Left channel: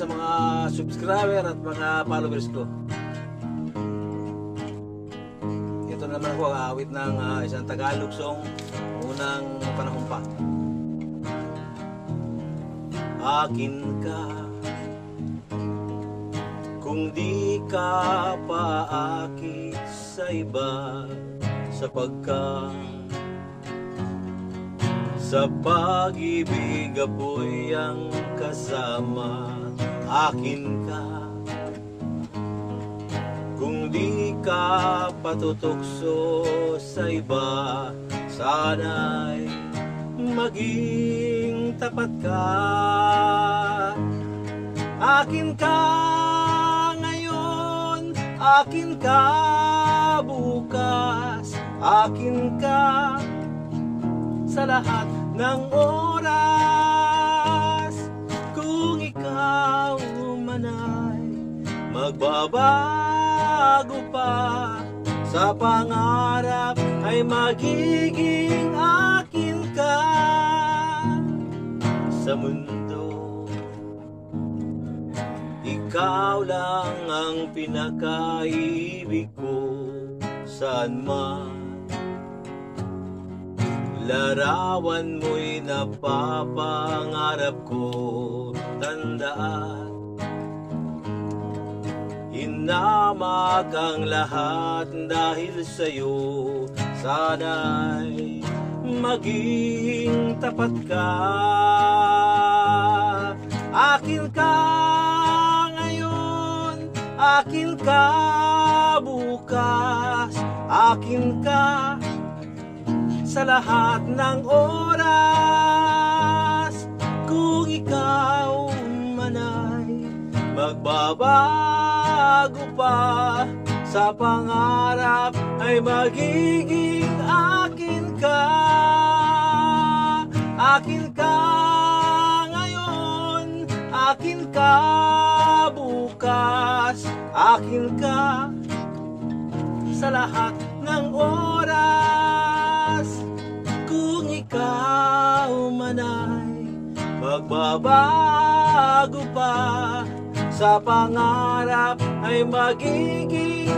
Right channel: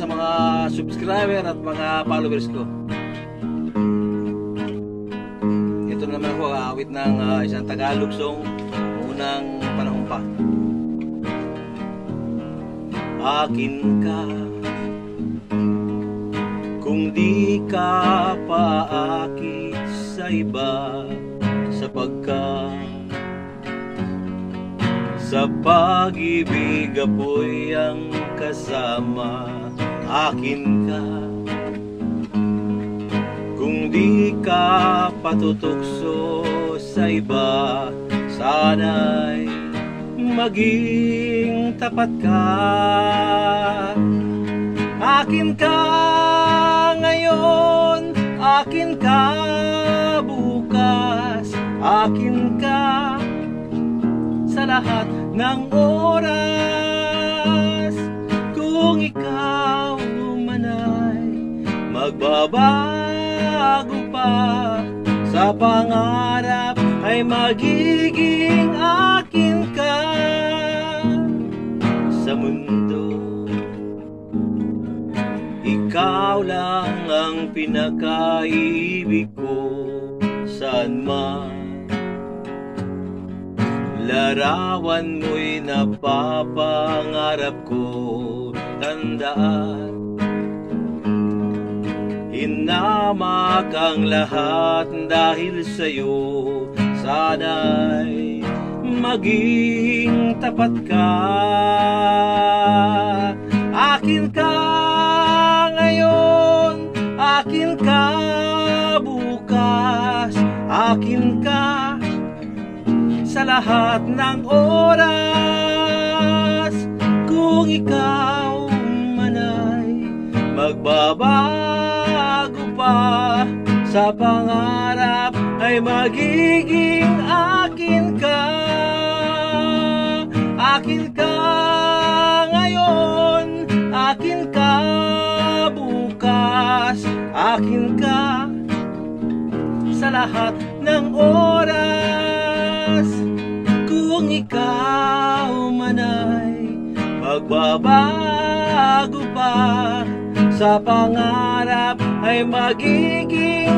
sa mga subscriber at mga followers ko. Ito naman ako, awit ng isang Tagalog song, unang panahon pa. Akin ka, kung di ka paakit sa iba, sapagkat sa pag-ibig apoy ang kasama. Akin ka, kung di ka patutokso sa iba, sana'y maging tapat ka. Akin ka ngayon, akin ka bukas, akin ka sa lahat ng oras. Kung ikaw man ay magbabago pa, sa pangarap ay magiging akin ka. Sa mundo, ikaw lang ang pinakaibig ko. Saan man larawan mo'y napapangarap ko. Tandaan, hinamak ang lahat dahil sa'yo. Sana'y maging tapat ka. Akin ka ngayon, akin ka bukas, akin ka sa lahat ng oras. Kung ikaw man ay magbabago pa, sa pangarap ay magiging akin ka. Akin ka ngayon, akin ka bukas, akin ka sa lahat ng oras. Kung ikaw man ay magbabago pa, sa pangarap ay magiging